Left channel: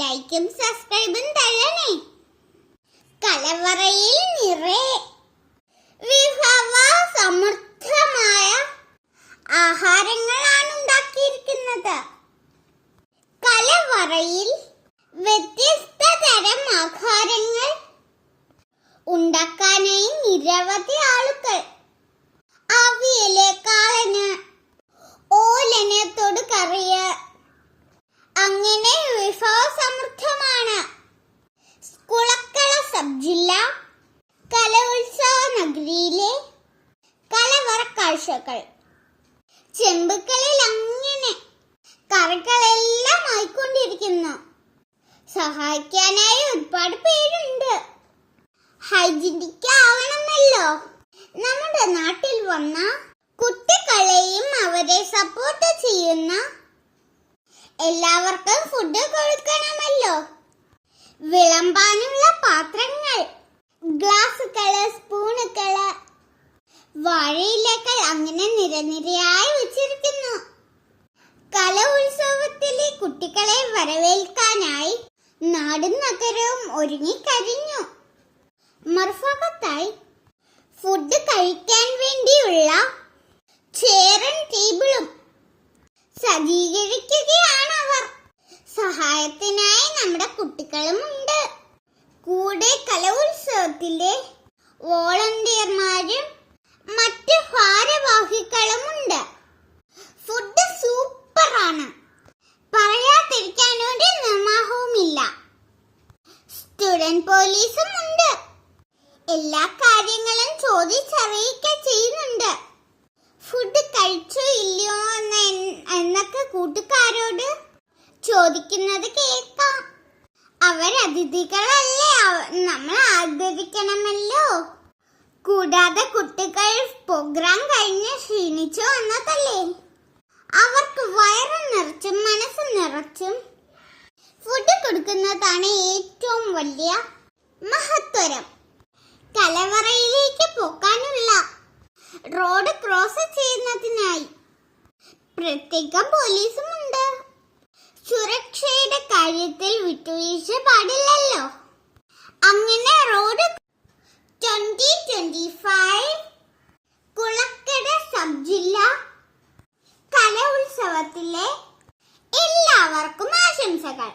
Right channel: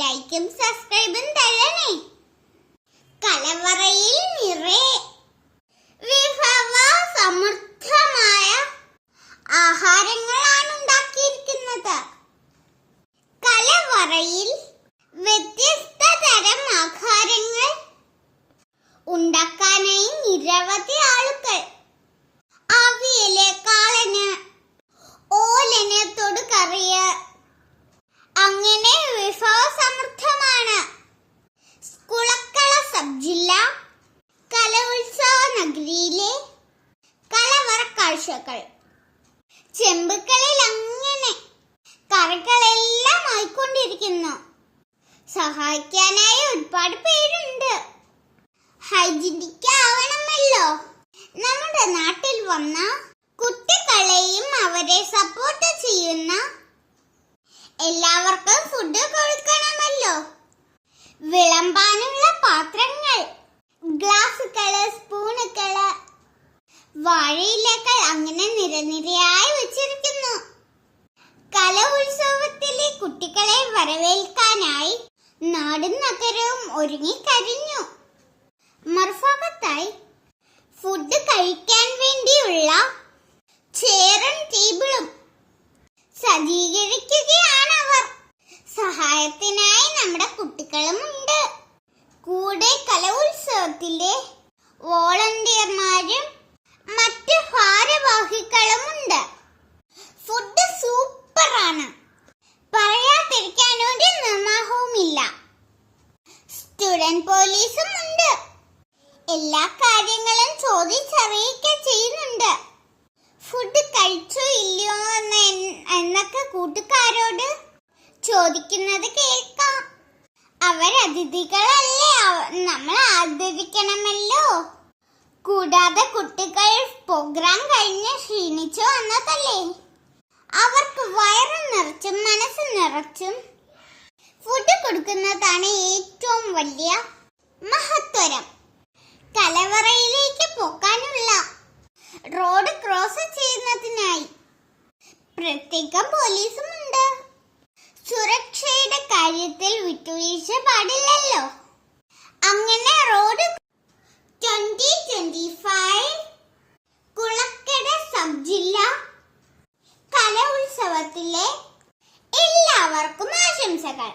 ലൈക്കും സബ്സ്ക്രൈബും തരണേ. കലവറയിൽ നിറയെ വിഭവ സമൃദ്ധമായ ആഹാരങ്ങളാണ് ഉണ്ടാക്കിയിരിക്കുന്നത്. കലവറയിൽ വ്യത്യസ്ത തരം ആഹാരങ്ങൾ ഉണ്ടാക്കാനായി നിരവധി ആളുകൾ. അവിയല്, കാളന്, ഓലന്, തൊടുകറിയ്, അങ്ങനെ വിഭവസമൃദ്ധമാണ്. കുളക്കട സബ് ജില്ല കലോത്സവ നഗരിയിലെ കലവറ കാഴ്ചകൾ. ചെമ്പുകളിൽ അങ്ങനെ കറികളെല്ലാം ആയിക്കൊണ്ടിരിക്കുന്നു. സഹായിക്കാനായി ഒരുപാട് പേരുണ്ട്. ഹൈജീനിക് ആവണമല്ലോ. നമ്മുടെ നാട്ടിൽ വന്ന കുട്ടികളെയും അവരെ സപ്പോർട്ട് ചെയ്യുന്ന എല്ലാവർക്കും ഫുഡ് കൊടുക്കണമല്ലോ. വിളമ്പാനുള്ള പാത്രങ്ങൾ, ഗ്ലാസുകള്, സ്പൂണുകള്, വാഴയിലകൾ അങ്ങനെ നിരനിരയായി വെച്ചിരിക്കുന്നു. കലോത്സവത്തിലെ കുട്ടികളെ വരവേൽക്കാനായി നാടും നഗരവും ഒരുങ്ങിക്കഴിഞ്ഞു. മറുഭാഗത്തായി ഫുഡ് കഴിക്കാൻ വേണ്ടിയുള്ള ചെയറും ടേബിളും സജ്ജീകരിക്കുകയാണ് അവർ. സഹായത്തിനായി നമ്മുടെ കുട്ടികളും ഉണ്ട്. കൂടെ കലോത്സവത്തിലെ വോളണ്ടിയർമാരും മറ്റ് ഭാരവാഹികളുമുണ്ട്. ഫുഡ് സൂപ്പറാണ്, പറയാതിരിക്കാൻ ഒരു നിർവാഹവുമില്ല. സ്റ്റുഡന്റ് പോലീസും ഉണ്ട്. എല്ലാ കാര്യങ്ങളും ചോദിച്ചറിയിക്കുക ചെയ്യുന്നുണ്ട്. ഫുഡ് കഴിച്ചോ ഇല്ലയോ എന്നൊക്കെ കൂട്ടുകാരോട് ചോദിക്കുന്നത് കേൾക്കാം. അവരതിഥികളല്ലേ, നമ്മൾ ആദരിക്കണമല്ലോ. കൂടാതെ കുട്ടികൾ പ്രോഗ്രാം കഴിഞ്ഞ് ക്ഷീണിച്ചു വന്നതല്ലേ, അവർക്ക് വയറ് നിറച്ചും മനസ്സ് നിറച്ചും ഫുഡ് കൊടുക്കുന്നതാണ് ഏറ്റവും വലിയ മഹത്വരം. കലവറയിലേക്ക് പോകാനുള്ള റോഡ് ക്രോസ് ചെയ്യുന്നതിനായി പ്രത്യേകം പോലീസും ഉണ്ട്. സുരക്ഷയുടെ കാര്യത്തിൽ വിട്ടുവീഴ്ച പാടില്ലല്ലോ. അങ്ങനെ റോഡ് 2025 കുളക്കട സബ് ജില്ല കലോത്സവത്തിലെ എല്ലാവർക്കും ആശംസകൾ.